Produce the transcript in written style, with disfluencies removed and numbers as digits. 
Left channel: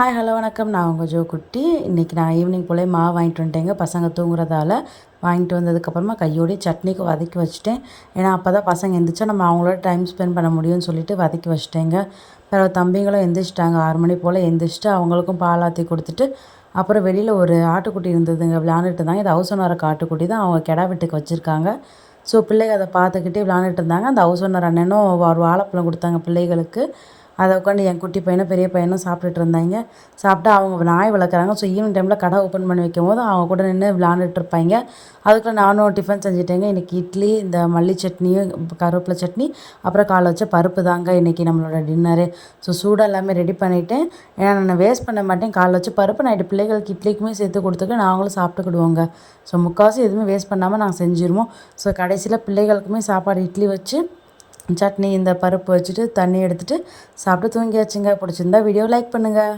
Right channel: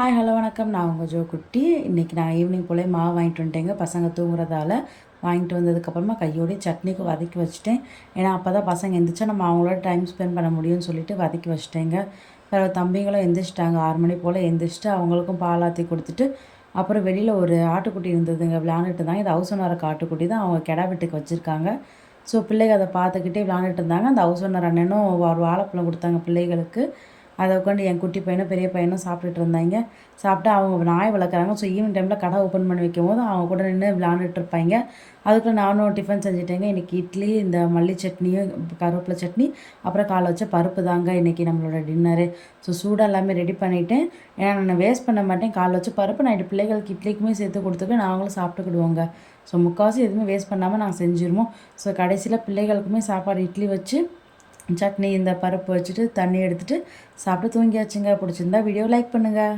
Hi hello வணக்கம். நான் உங்கள் ஜோ குட்டி. இன்றைக்கி நான் ஈவினிங் போல் மாவு வாங்கிட்டு வந்துட்டேங்க. பசங்க தூங்குறதால வாங்கிட்டு வந்ததுக்கப்புறமா கையோடய சட்னிக்கு வதக்கி வச்சுட்டேன். ஏன்னா அப்போ தான் பசங்க எந்திரிச்சா நம்ம அவங்களோட டைம் ஸ்பெண்ட் பண்ண முடியும்னு சொல்லிட்டு வதக்கி வச்சுட்டேங்க. பிறகு தம்பிங்களும் எந்திரிச்சிட்டாங்க. 6 மணி போல் எந்திரிச்சிட்டு அவங்களுக்கும் பால் ஆற்றி கொடுத்துட்டு அப்புறம் வெளியில் ஒரு ஆட்டுக்குட்டி இருந்ததுங்க, விளையாண்டுட்டு இருந்தாங்க. இது ஹவுஸ் ஓனர் ஆட்டுக்குட்டி தான், அவங்க கிடா வெட்டுக்கு வச்சுருக்காங்க. ஸோ பிள்ளைங்க அதை பார்த்துக்கிட்டே விளையாண்டுட்டு இருந்தாங்க. அந்த ஹவுஸ் ஓனர் அண்ணனும் ஒரு வாழைப்பழம் கொடுத்தாங்க பிள்ளைகளுக்கு. அதை உட்காந்து என் குட்டி பையனும் பெரிய பையனும் சாப்பிட்டுட்டு இருந்தாங்க. சாப்பிட்டா அவங்க நாய் வளர்க்குறாங்க. ஸோ ஈவினிங் டைமில் கடை ஓப்பன் பண்ணி வைக்கும்போது அவங்க கூட நின்று விளையாண்டுட்டு இருப்பாங்க. அதுக்குள்ளே நானும் டிஃபன் செஞ்சுட்டேங்க. இன்றைக்கி இட்லி, இந்த மல்லி சட்னியும் கருவேப்பிலை சட்னி, அப்புறம் காலைல வச்ச பருப்பு தாங்க இன்றைக்கி நம்மளோட டின்னரு. ஸோ சூடாக எல்லாமே ரெடி பண்ணிவிட்டேன். ஏன்னா நான் வேஸ்ட் பண்ண மாட்டேன். காலைல வச்ச பருப்பு நைட்டு பிள்ளைகளுக்கு இட்லிக்குமே சேர்த்து கொடுத்துட்டு நாங்களும் சாப்பிட்டுக்கிடுவோங்க. ஸோ முக்கால்வாசி எதுவுமே வேஸ்ட் பண்ணாமல் நாங்கள் செஞ்சுருவோம். ஸோ கடைசியில் பிள்ளைகளுக்குமே சாப்பாடு இட்லி வச்சு சட்னி இந்த பருப்பு வச்சுட்டு தண்ணி எடுத்துகிட்டு சாப்பிட்டு தூங்கியாச்சுங்க. பிடிச்சிருந்தா வீடியோ லைக் பண்ணுங்கள்.